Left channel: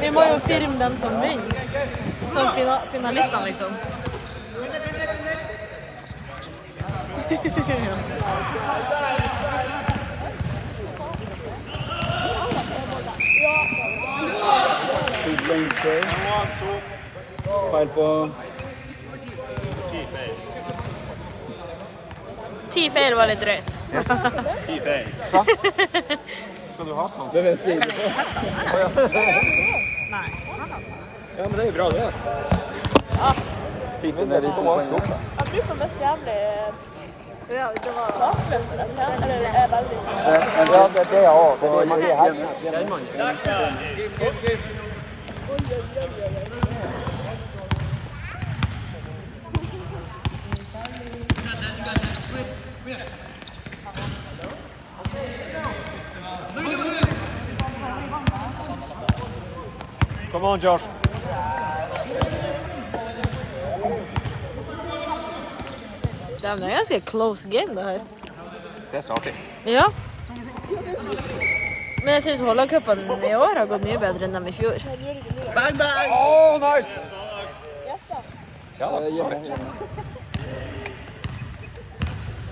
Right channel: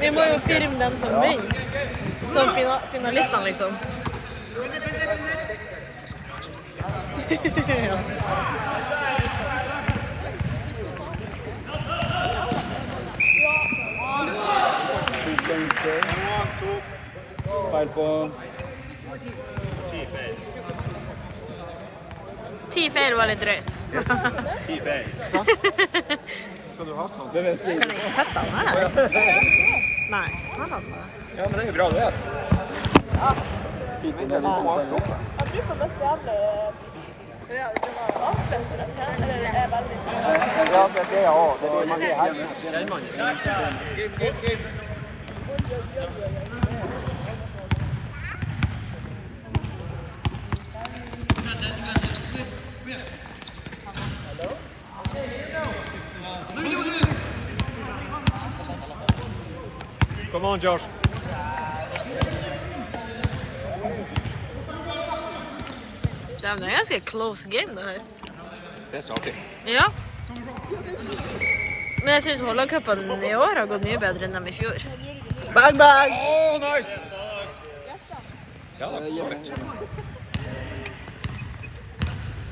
Vi må jo filme dem som vinner. Som finalistene, liksom. Ja. Feil på 10 feil var litt drøyt. 10 feil. Hva? Skal du ha sånn? Kan jeg ikke sette den her? Nei. Ja, men det er jo bra, du vet. Fint, det er litt på mat oppe. Ja, det var... Det er også. Det var mange helsen. Come on, Josh. Det er en ganske close game, det her. Det er saker. Ja. Men jeg synes Holland-cupen i år har gått mye bedre enn dem i fjor. Bang, bang! Oh, nice! Ja, det er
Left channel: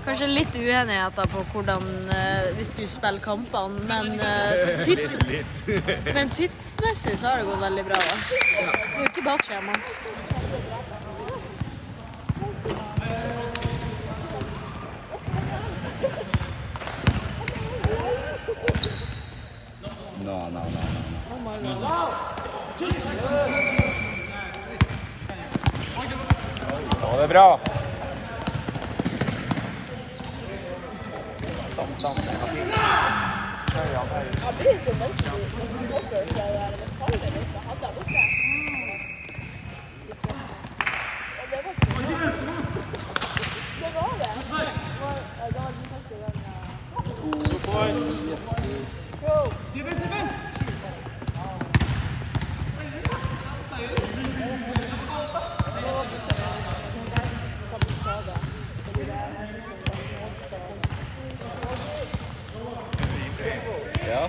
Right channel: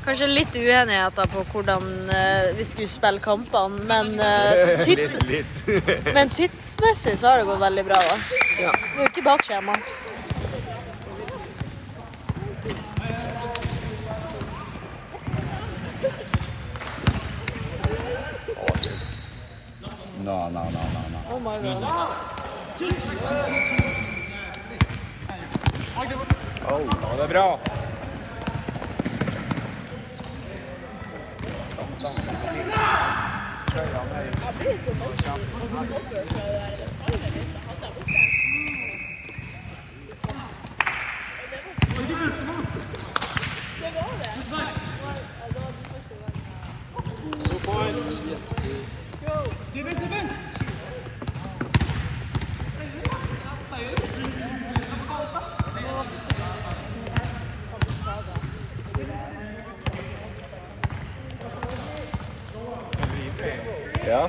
Kanskje litt uenigheter på hvordan vi skulle spille kampene, men tidsmessig så har det gått veldig bra da. Det er jo ikke bakskjema. No. Oh my god. Det er bra. Ja.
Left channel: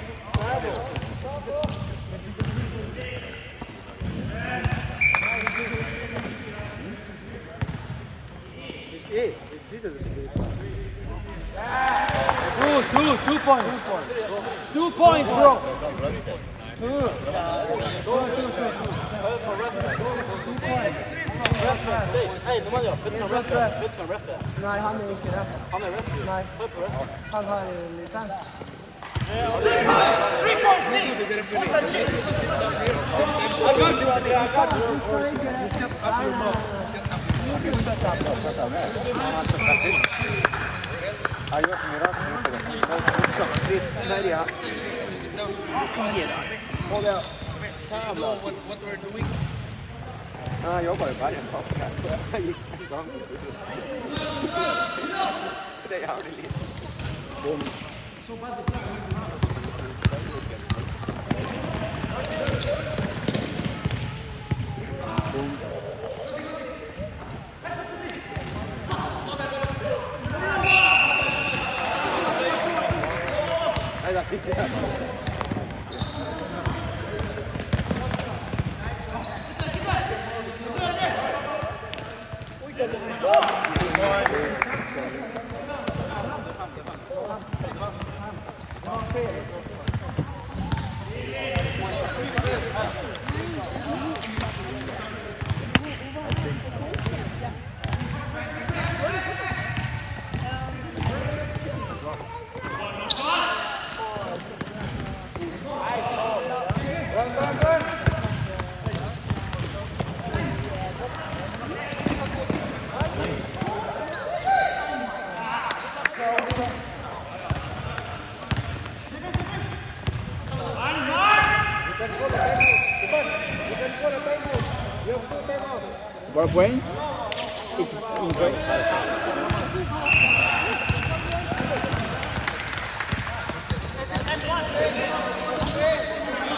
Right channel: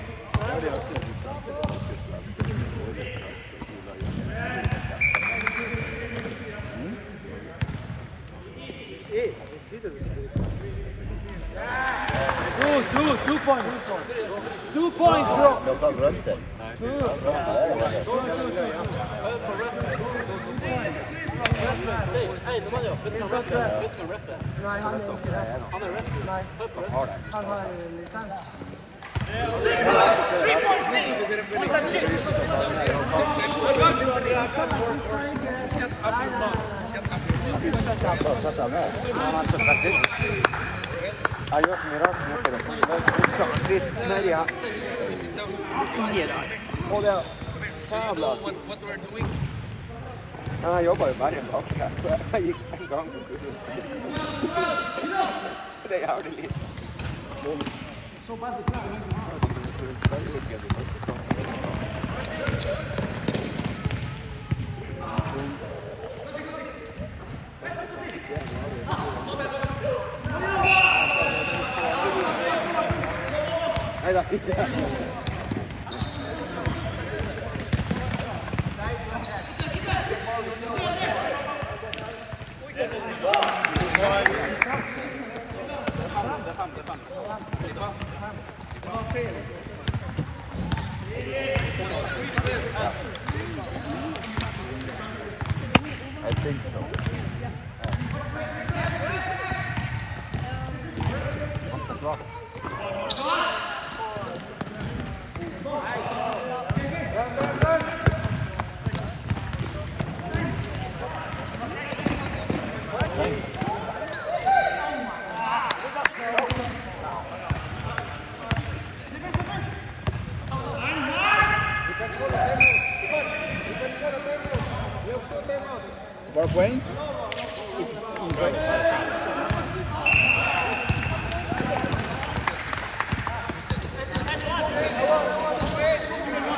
Two points, bro. What we're doing? Jeg jobber i Bergen. Jeg gikk en gang. Det er jævlig litt. Så bare det klart. Var det poeng? Ingen poeng.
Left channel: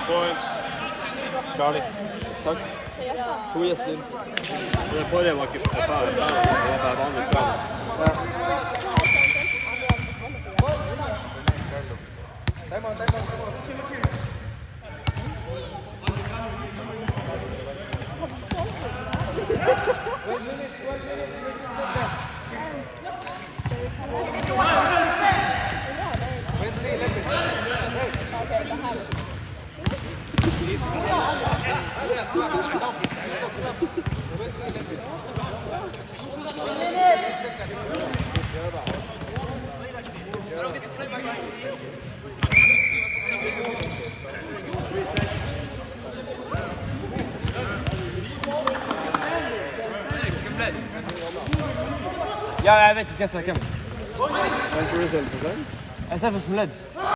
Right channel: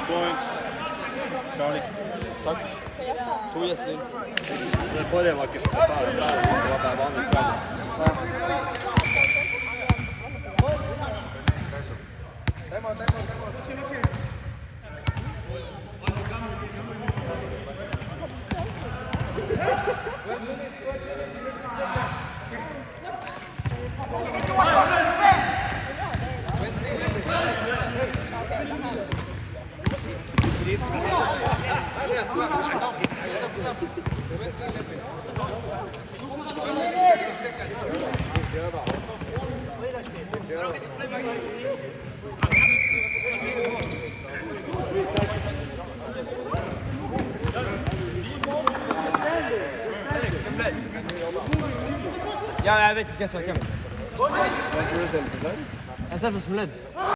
Points. Ferdig. Takk. 2 gjester. Det forrige var ikke ferdig. Ja, jeg vet ikke hva som er hvem. Jeg tror det er Selve. Jeg ser for Smled.